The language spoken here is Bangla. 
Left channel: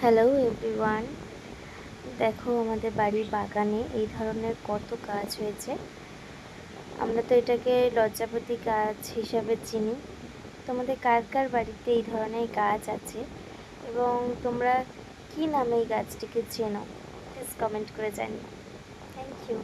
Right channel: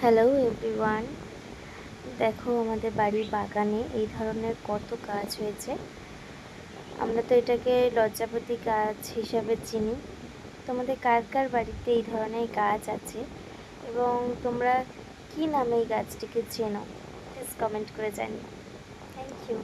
হ্যালো এভরিওয়ান, দেখো আমাদের বাড়ির বাগানে এই ধরনের কত গাছ হয়েছে। আমরা তো এটাকে লজ্জাপতি গাছ হিসাবে চিনি। তোমাদের কার কার বাড়িতে এই ধরনের গাছ আছে এবং তোমরা কী নামে এই গাছটিকে চেনো, প্লিজ কমেন্ট করে জানিও। Thank you.